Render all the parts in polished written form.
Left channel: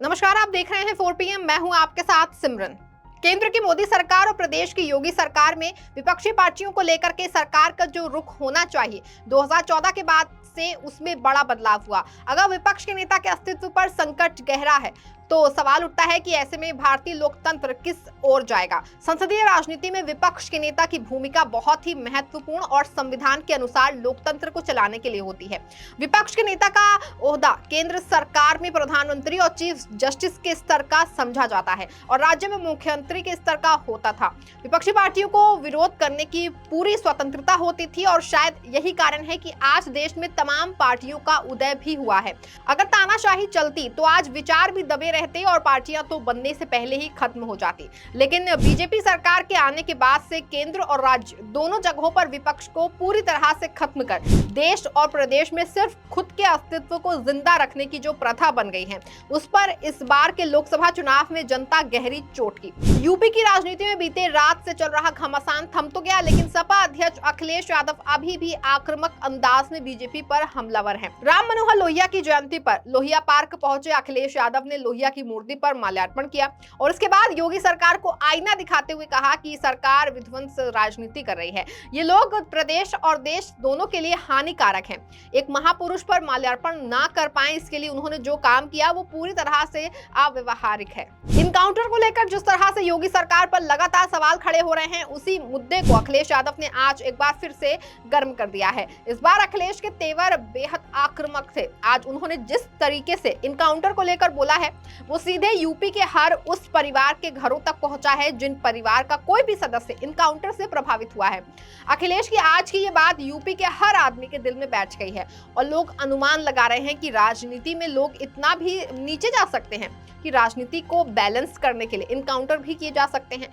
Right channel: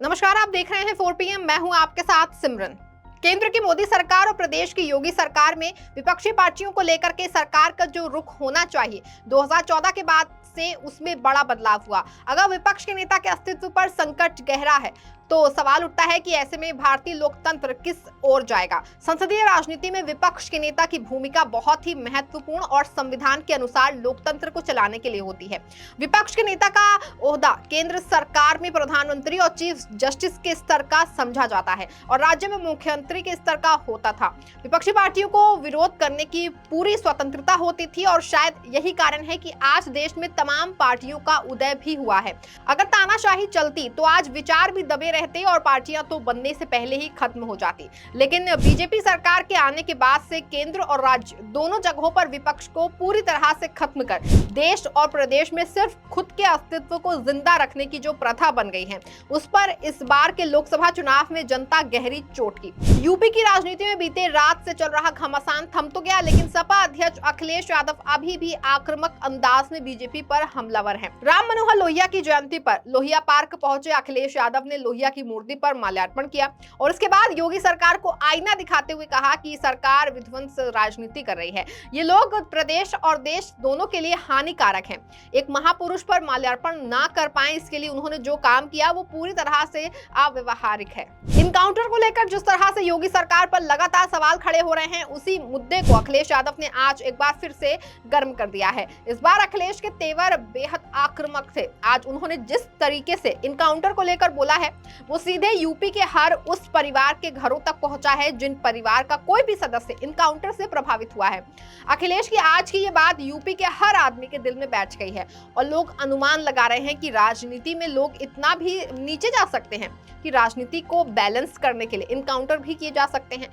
नमस्कार, आप देख रहे हैं 4 PM। मैं हूं आपके साथ सिमरन। केंद्र की मोदी सरकार और प्रदेश की योगी सरकार में विपक्षी पार्टियों को लेकर के सरकार का जो रुख होना चाहिए 2014 के बाद से उसमें बड़ा बदलाव हुआ। अगर विपक्ष के नेता के अस्तित्व पर संकट गहरा है तो सवाल उठता है कि ऐसे में भारतीय लोकतंत्र किस ओर जाएगा। संसदीय राजनीति में विपक्ष के नेता की भूमिका बहुत ही महत्वपूर्ण और संविधान के अनुसार लोकतंत्र को चलाने के लिए होती है। विपक्ष के नेता का ओहदा केंद्र सरकार में प्रधानमंत्री और चीफ जस्टिस के स्तर का समझा जाता है और राज्य में मुख्यमंत्री के स्तर का होता था। विपक्षी पार्टियों को विरोध करने की पूरी स्वतंत्रता होती थी और शायद यही कारण है कि आज देश में तमाम पार्टियों का उदय भी हुआ है। अगर तानाशाही चलती तो आज विचार भी दबे रहते और पार्टियां तो बनने से पहले ही खत्म हो जाती। लेकिन बीजेपी सरकार के आने के बाद से केंद्र और राज्य दोनों जगहों पर विपक्ष को पूरी तरह से खत्म कर देश और प्रदेश में सिर्फ खुद के अस्तित्व को जिंदा रखने की जो प्रथा बन गई है, उस पर इस बार के लोकसभा चुनाव में जनता गहरी चोट की। यूपी की राजनीति में बीते रात से चल रहा घमासान थम तो गया, लेकिन सपा अध्यक्ष अखिलेश यादव अभी भी आक्रामक अंदाज में बीजेपी पर हमलावर हैं। राम मनोहर लोहिया की जयंती पर लोहिया पार्क पहुंचे अखिलेश यादव ने लोहिया की मूर्ति पर माल्यार्पण किया और इसके बाद योगी सरकार को आईना दिखाते हुए कहा कि सरकार विध्वंस राजनीति कर रही है। ये लोग प्रदेश और देश दोनों के लिए हानिकारक हैं। एक महापुरुष पर माल्यार्पण ना कर पाए, इसके लिए उन्होंने जो काम किया वो पूरी तरह से अव्यवहारिक है। इनकाउंटर को लेकर जिस तरह से योगी सरकार पर लगातार सवाल खड़े हो रहे हैं, उसी मुद्दे को अखिलेश यादव ने आज एक बार फिर से गर्म कर दिया है। इस बार अखिलेश के तेवर बेहद आक्रामक थे। आज उन्होंने जिस तरीके से इनकाउंटर को लेकर बोला है वो सीधे यूपी के हर उस परिवार के घरों तक पहुंचा है जिन परिवार का कोई भी सदस्य इनकाउंटर से प्रभावित हुआ है। अखिलेश की आज की ये बात यूपी के हर आदमी के दिल में बैठ गई है और लोग अनुमान लगा रहे हैं कि राजनीति में लोग इतना भी नीचे जा सकते हैं कि राजनीति को बैलेंस करने के लिए इनकाउंटर भी किए जा सकते हैं।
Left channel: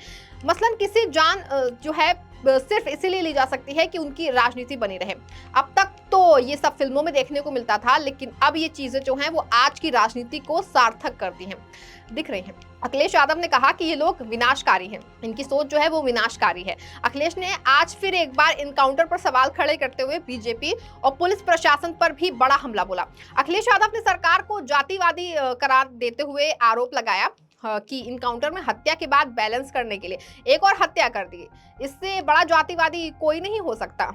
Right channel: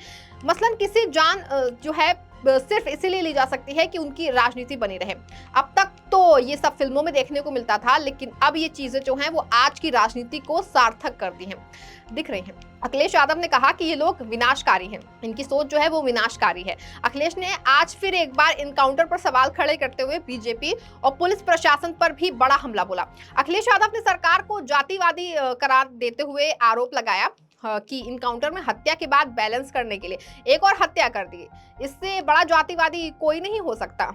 मसलन किसी जान जो है सिर्फ इसीलिए ली जा सकती है कि उनकी राजनीति बनी रहे। अब तक तो ये सब फिल्मों में देखने को मिलता था, लेकिन अब ये चीजें जो हैं वो आज की राजनीति को सार्थक करती हैं, दिख रही हैं। अखिलेश यादव ने कहा कि ये लोग विनाशकारी हैं, इनकी सोच जो है वो विनाशकारी है। अखिलेश ने आज फिर एक बार इनकाउंटर पर सवाल खड़े करते हुए बीजेपी और पुलिस प्रशासन पर भी बड़ा हमला बोला। अखिलेश यादव ने सरकार को जातिवादी करार देते हुए आरोप लगाया कि इनकाउंटर में हत्या के बाद बैलेंस करने के लिए एक और हत्या कर दी। इससे बड़ा जातिवादी कोई नहीं हो सकता।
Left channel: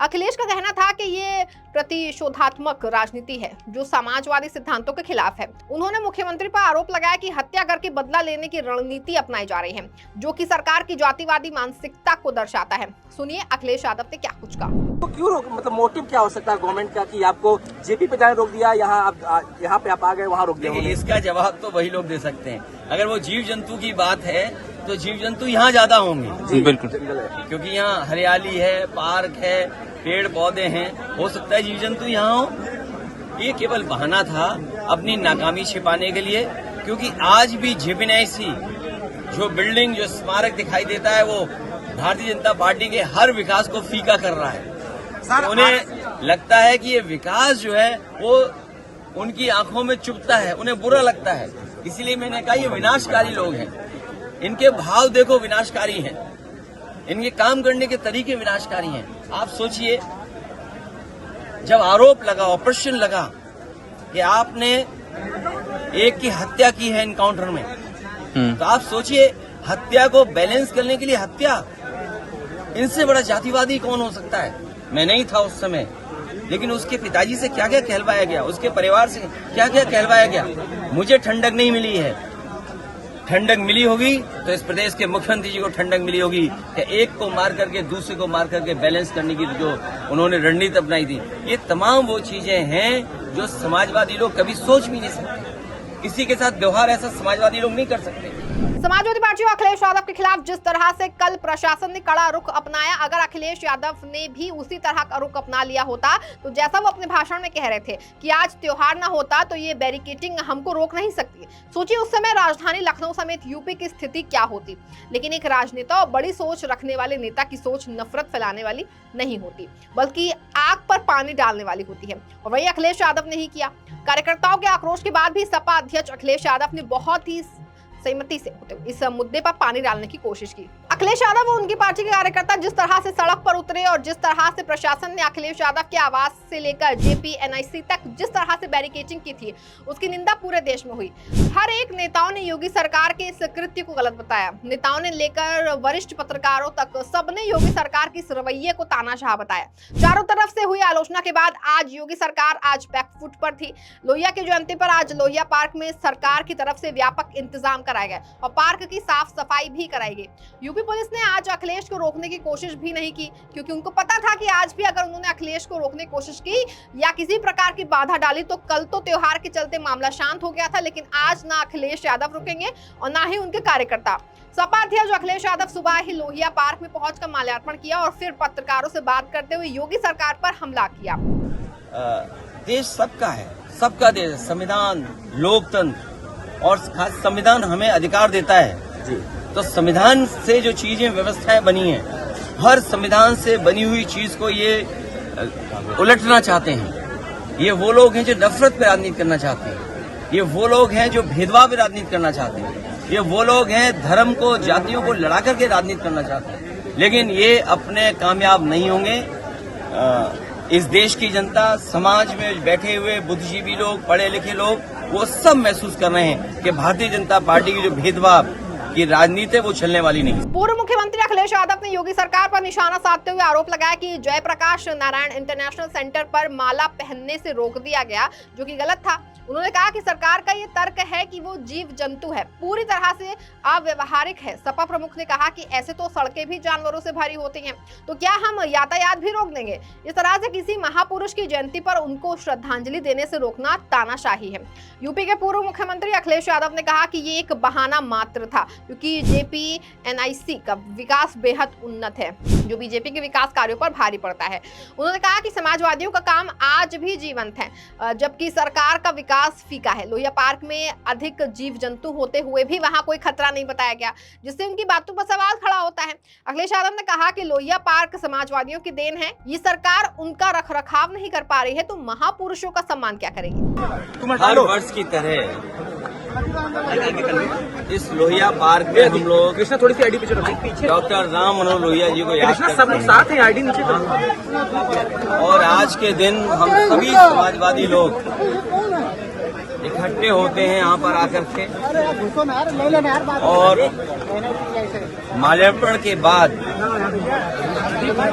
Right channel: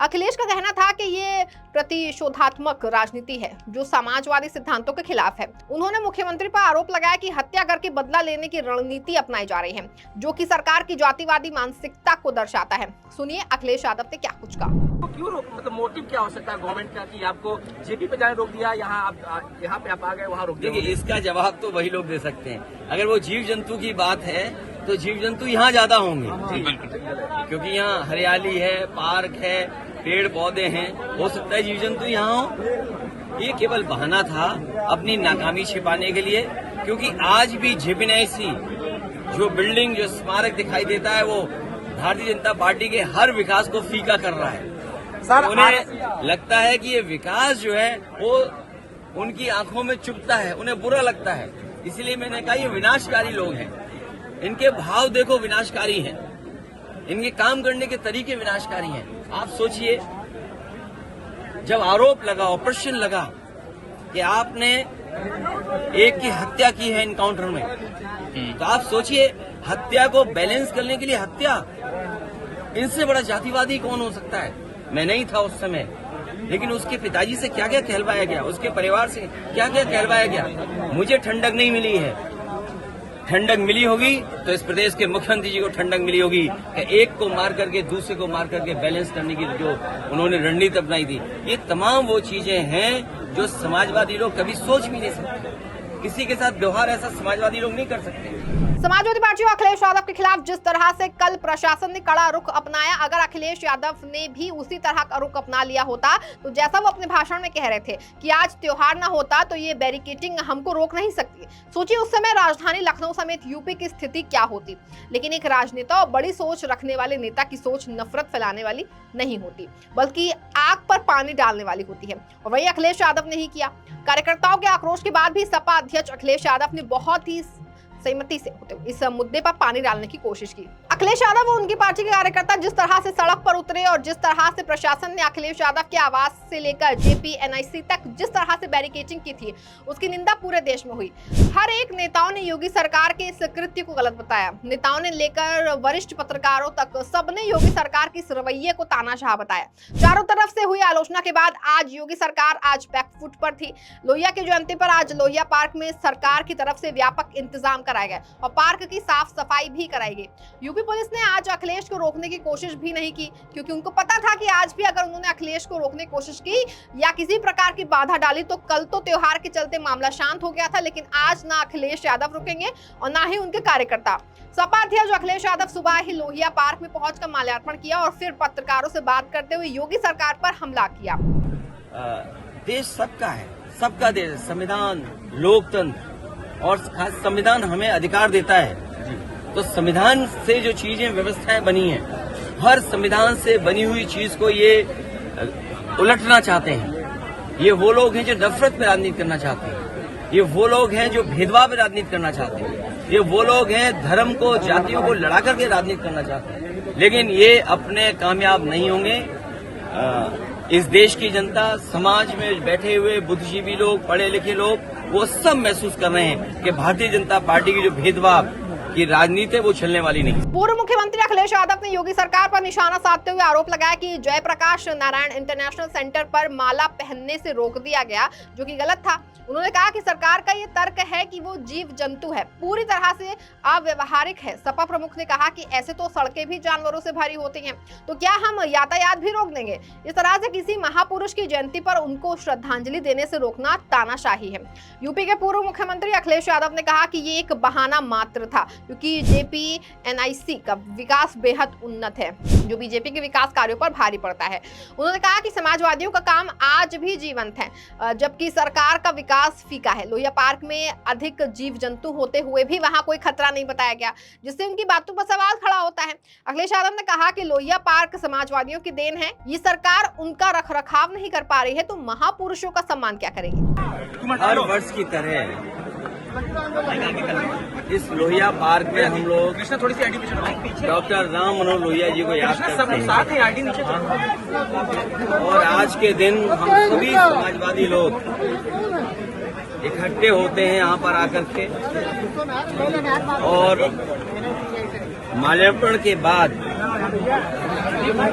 अखिलेश का कहना था कि ये प्रतिशोधात्मक राजनीति है जो समाजवादी सिद्धांतों के खिलाफ है। उन्होंने मुख्यमंत्री पर आरोप लगाया कि हत्या करके बदला लेने की रणनीति अपनाई जा रही है, जो कि सरकार की जातिवादी मानसिकता को दर्शाता है। सुनिए अखिलेश यादव ने क्या कुछ कहा। तो क्यों मतलब मोटिव क्या हो सकता है गवर्नमेंट का कि आपको जेपी पे जाने रोक दिया, यहाँ पे आप आ गए, वहाँ रोक दिया? देखिए, इसका जवाब तो वही लोग दे सकते हैं। अगर वो जीव जंतु की बात है तो जीव जंतु यहाँ ज्यादा होंगे। बिल्कुल, क्योंकि यहाँ हरियाली है, पार्क है, पेड़ पौधे हैं, हो सकता है जीव जंतु यहाँ हो। ये केवल बहाना था अपनी नाकामी छिपाने के लिए, क्योंकि आज भी जेपीएनआईसी जो बिल्डिंग, जो स्मारक दिखाई देता है, वो भारतीय जनता पार्टी के हर विकास को फीका कर रहा है। उन्हें लगता है कि ये विकास जो है वो उनकी आंखों में चुभता है, उन्हें बुरा लगता है। इसीलिए मैंने कहा ये विनाशकारी लोग हैं। इनके भाव देखो विनाशकारी हैं, इनके काम करने के तरीके विनाशकारी हैं। आप सोचिए, जब आरोप लगा, ऑपरेशन लगा कि आपने एक की हत्या की है इनकाउंटर में, तो आप सोचिए हत्या को बैलेंस करने के लिए हत्या, इनसे बड़ा जातिवादी कौन हो सकता है? मैं नहीं था उस समय, लेकिन उसके पिताजी से क्या क्या कहलवाया गया, उसके परिवार से क्या क्या कहलवाया गया। मुझे ठंडक नहीं मिली है। ठंडक मिली होगी तो इस प्रदेश के मुख्यमंत्री जी को ठंडक मिली होगी कि एक को मार करके दूसरे को मार करके बैलेंस करने की जो उन्होंने रणनीति अपनाई थी। ये तमाम वो चीजें हैं जो समाजवादी लोग कभी सोच भी नहीं सकते। किसी के साथ व्यवहार ऐसा समाजवादी लोग नहीं कर सकते। समाजवादी पार्टी और अखिलेश यादव के खिलाफ जिस तरह से कल प्रशासन ने कड़ा रुख अपनाया, अगर अखिलेश यादव ने भी उसी तरह का रुख अपना लिया होता तो जैसा वो अपने भाषण में कह रहे थे कि आज त्योहार ना होता तो ये बैरिकेडिंग हमको रोक नहीं सकती। सोचिए उस समय राजधानी लखनऊ समेत यूपी की स्थिति क्या होती। लेकिन एक राजनेता और बड़ी सोच रखने वाले नेता की सोच नफरत फैलाने वाली नहीं होती, बल्कि आग पर पानी डालने वाली होती है, और वही अखिलेश यादव ने ही किया। कार्यकर्ताओं के आक्रोश के बाद भी सपा अध्यक्ष अखिलेश यादव ने बहुत ही सहमति से होते हुए इस मुद्दे पर पानी डालने की कोशिश की। अखिलेश यादव और उनकी पार्टी के कार्यकर्ता जिस तरह से सड़क पर उतरे और जिस तरह से प्रशासन ने अखिलेश यादव के आवास से लेकर जेपी एनआईसी तक जिस तरह से बैरिकेडिंग की थी, उसकी निंदा पूरे देश में हुई। हर एक नेताओं ने योगी सरकार के इस कृत्य को गलत बताया। नेताओं ने लेकर वरिष्ठ पत्रकारों तक सबने योगी सरकार की इस रवैये को तानाशाह बताया। चारों तरफ से हुई आलोचना के बाद आज योगी सरकार आज बैकफुट पर थी। लोहिया की जयंती पर आज लोहिया पार्क में सरकार की तरफ से व्यापक इंतजाम कराए गए और पार्क की साफ सफाई भी कराई गई। यूपी पुलिस ने आज अखिलेश को रोकने की कोशिश भी नहीं की, क्योंकि उनको पता था कि आज भी अगर उन्होंने अखिलेश को रोकने की कोशिश की या किसी प्रकार की बाधा डाली तो कल तो त्योहार के चलते मामला शांत हो गया था, लेकिन आज ना अखिलेश यादव रुकेंगे और ना ही उनके कार्यकर्ता। सपा अध्यक्ष अखिलेश यादव सुबह ही लोहिया पार्क में पहुंचकर माल्यार्पण किया और फिर पत्रकारों से बात करते हुए योगी सरकार पर हमला किया। देश सबका है, सबका देश, संविधान, लोकतंत्र और खास संविधान हमें अधिकार देता है। तो संविधान से जो चीजें व्यवस्थाएं बनी है, हर संविधान से बनी हुई चीज को ये उलटना चाहते हैं। ये वो लोग हैं जो नफरत पे राजनीति करना चाहते हैं। ये वो लोग हैं जो भेदभाव पे राजनीति करना चाहते हैं। ये वो लोग हैं धर्म को, जातियों को लड़ा करके राजनीति करना चाहते हैं। लेकिन ये अपने कामयाब नहीं होंगे। इस देश की जनता, समाज में बैठे हुए बुद्धिजीवी लोग, पढ़े लिखे लोग, वो सब महसूस कर रहे हैं कि भारतीय जनता पार्टी की जो भेदभाव की राजनीति है वो चलने वाली नहीं। पूर्व मुख्यमंत्री अखिलेश यादव ने योगी सरकार पर निशाना साधते हुए आरोप लगाया कि जयप्रकाश नारायण इंटरनेशनल सेंटर पर माला पहनने से रोक दिया गया, जो कि गलत था। उन्होंने कहा कि सरकार का ये तर्क है कि वो जीव जंतु है, पूरी तरह से अव्यवहारिक है। सपा प्रमुख ने कहा कि ऐसे तो सड़कें भी जानवरों से भरी होती हैं, तो क्या हम यातायात भी रोक देंगे? इस तरह से किसी महापुरुष की जयंती पर उनको श्रद्धांजलि देने से रोकना तानाशाही है। यूपी के पूर्व मुख्यमंत्री अखिलेश यादव ने कहा कि ये एक बहाना मात्र था, क्योंकि जेपी एनआईसी का विकास बेहद उन्नत है, जो बीजेपी के विकास कार्यों पर भारी पड़ता है। उन्होंने कहा कि समाजवादियों का काम आज भी जीवंत है, जबकि सरकार का विकास फीका है। लोहिया पार्क में अधिक जीव जंतु होते हुए भी वहां कोई खतरा नहीं बताया गया, जिससे उनकी बातों पर सवाल खड़ा होता है। अखिलेश यादव ने कहा कि लोहिया पार्क समाजवादियों की देन है, ये सरकार उनका रखरखाव नहीं कर पा रही है, तो महापुरुषों का सम्मान क्या करेगी? हर वर्ष की तरह इस लोहिया पार्क में हम लोग थोड़ी सी आईडी पीछे डॉक्टर राम मनोहर लोहिया जी को याद करते हैं। आईडी नीचे और आज के दिन हम सभी समाजवादी लोग इकट्ठे होते हैं यहाँ पर आकर के, और माल्यार्पण के बाद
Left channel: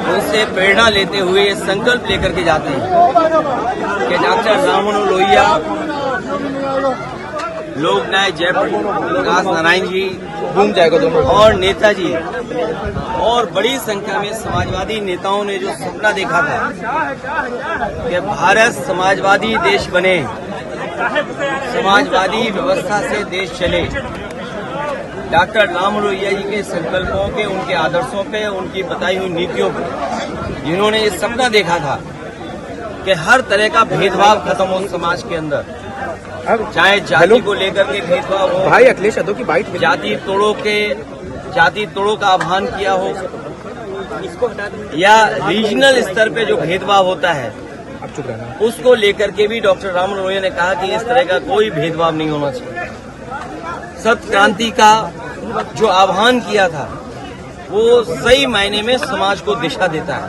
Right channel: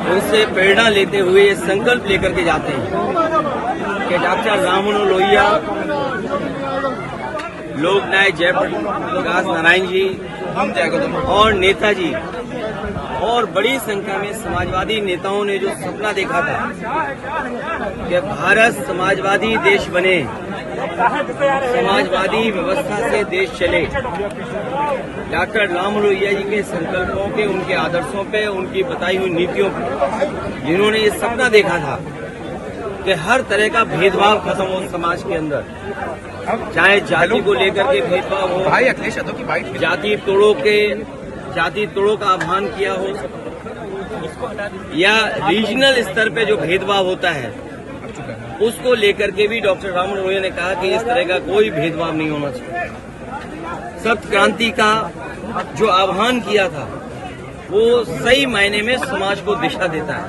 उनसे प्रेरणा लेते हुए संकल्प लेकर के जाते हैं कि डॉक्टर राम मनोहर लोहिया, लोक नायक जयप्रकाश नारायण जी और नेताजी और बड़ी संख्या में समाजवादी नेताओं ने जो सपना देखा था कि भारत समाजवादी देश बने, समाजवादी व्यवस्था से देश चले, डॉक्टर राम लोहिया जी के संकल्पों पे, उनके आदर्शों पे, उनकी बताई हुई नीतियों पे, जिन्होंने ये सपना देखा था कि हर तरह का भेदभाव खत्म हो समाज के अंदर, चाहे जाति को लेकर के भेदभाव हो, भाई अखिलेश यादव की बाइट, जाति तोड़ों का आह्वान किया हो, या रीजनल स्तर पे जो भेदभाव होता है उसको लेकर के भी डॉक्टर राम लोहिया ने कहा कि इस तरह का कोई भेदभाव नहीं होना चाहिए। सत्य क्रांति का जो आह्वान किया था वो सही मायने में समाज को दिशा देता है।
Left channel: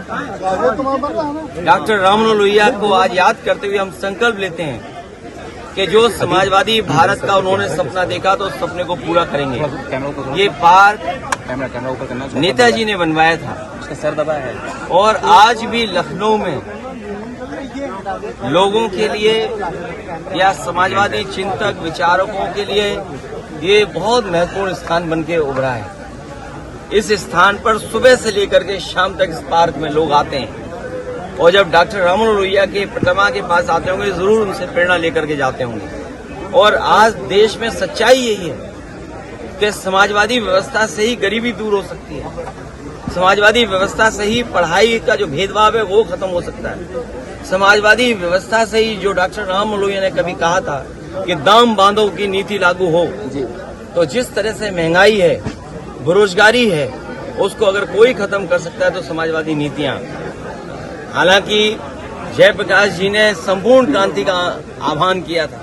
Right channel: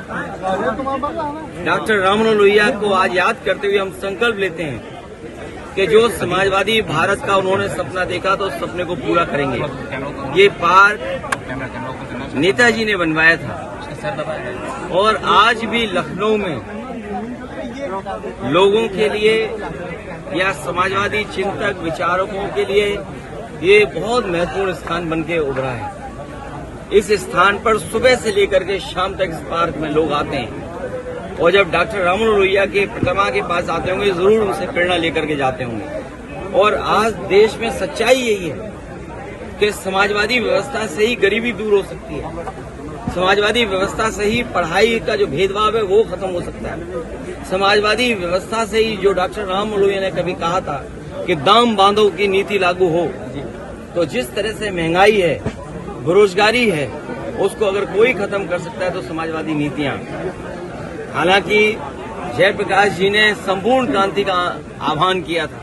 डॉक्टर राम मनोहर लोहिया को आज याद करते हुए हम संकल्प लेते हैं कि जो समाजवादी भारत का उन्होंने सपना देखा तो उस सपने को पूरा करेंगे। ये पार्क नेताजी ने बनवाया था और आज भी लखनऊ में लोगों के लिए या समाजवादी चिंतक विचारकों के लिए ये बहुत महत्वपूर्ण स्थान बन के उभरा है। इस स्थान पर सुबह से लेकर के शाम तक इस पार्क में लोग आते हैं और जब डॉक्टर राम मनोहर लोहिया के प्रतिमा के पास आते होंगे जरूर उनसे प्रेरणा लेकर के जाते होंगे। और आज देश में सच्चाई यही है कि समाजवादी व्यवस्था से ही गरीबी दूर हो सकती है, समाजवादी व्यवस्था से ही पढ़ाई का जो भेदभाव है वो खत्म हो सकता है, समाजवादी व्यवस्था से ही जो डॉक्टर राम मनोहर लोहिया ने कभी कहा था कि दाम बांधो की नीति लागू हो, तो जिस तरह से महंगाई है, बेरोजगारी है, उसको अगर कोई खत्म कर सकता है तो समाजवादी नीतियां। हालांकि जयप्रकाश जी ने संपूर्ण क्रांति का आह्वान किया था,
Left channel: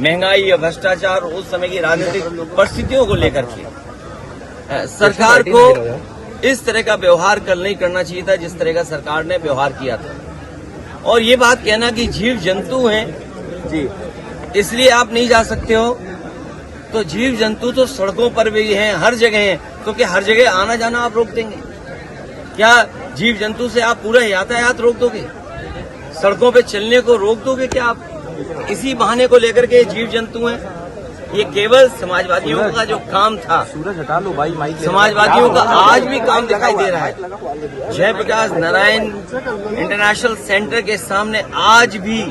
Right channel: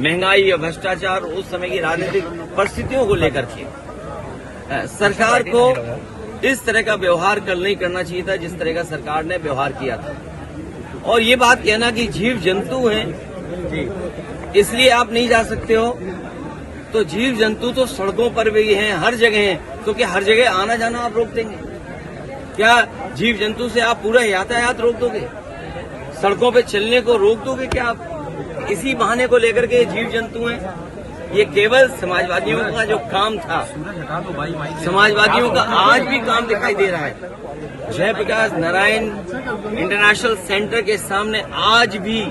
महंगाई या भ्रष्टाचार उस समय की राजनीतिक परिस्थितियों को लेकर के, सरकार को इस तरह का व्यवहार कल नहीं करना चाहिए था जिस तरह का सरकार ने व्यवहार किया था। और ये बात कहना कि जीव जंतु हैं इसलिए आप नहीं जा सकते हो, तो जीव जंतु तो सड़कों पर भी हैं, हर जगह हैं, तो क्या हर जगह आना जाना आप रोक देंगे? क्या जीव जंतु से आप पूरा यातायात रोक दोगे? सड़कों पे चलने को रोक दोगे क्या आप? इसी बहाने को लेकर के जीव जंतु हैं। ये केवल समाजवादियों का जो काम था, समाजवादियों का आज भी काम दिखाई दे रहा है। जयप्रकाश नारायण इंटरनेशनल सेंटर के सामने आज भी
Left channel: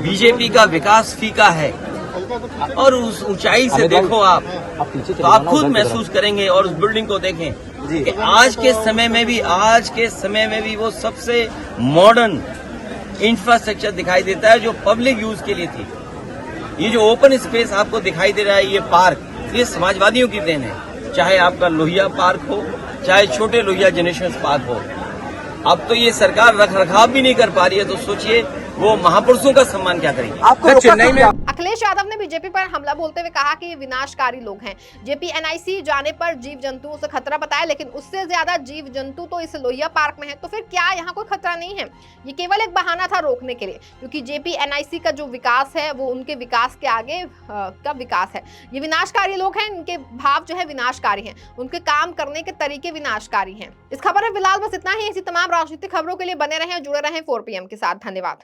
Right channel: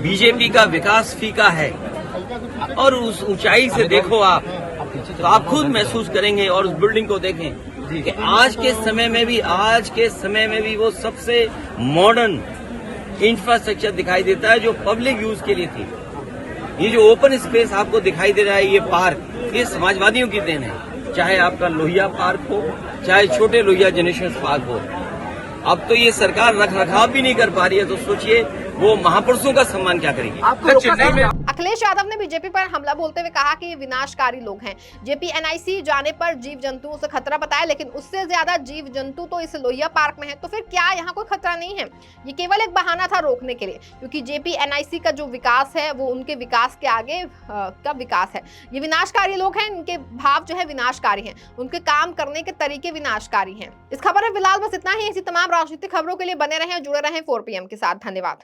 बीजेपी का विकास फीका है। और उस ऊंचाई से देखो आप, तो आप खुद महसूस करेंगे। और उस बिल्डिंग को देखें कि आज के समय में भी वो सबसे मॉडर्न इंफ्रास्ट्रक्चर दिखाई देता है जो पब्लिक यूज के लिए थी। ये जो ओपन स्पेस आपको दिखाई दे रहा है, ये पार्क, ये समाजवादियों की देन है। चाहे आपका लोहिया पार्क हो, चाहे छोटे लोहिया जेनेरेशन पार्क हो। अब तो ये सरकार रख रखाव भी नहीं कर पा रही है, तो सोचिए वो महापुरुषों का सम्मान क्या करेगी। चेन्नई में अखिलेश यादव ने बीजेपी पर हमला बोलते हुए कहा कि ये विनाशकारी लोग हैं। जेपी एनआईसी जाने पर जीव जंतुओं से खतरा बताया, लेकिन उससे ज्यादा जीव जंतु तो इस लोहिया पार्क में है। तो फिर क्या यहाँ कोई खतरा नहीं है? ये केवल एक बहाना था रोकने के लिए, क्योंकि जेपी एनआईसी का जो विकास है वो उनके विकास के आगे का विकास है। ये विनाशकारी लोग हैं, इनके भाव जो है विनाशकारी हैं, उनके काम करने के तरीके विनाशकारी हैं। इस खबर में फिलहाल बस इतना ही। ऐसी तमाम राजनीतिक खबरों के लिए बने रहें, जुड़े रहें 4PM के साथ। धन्यवाद।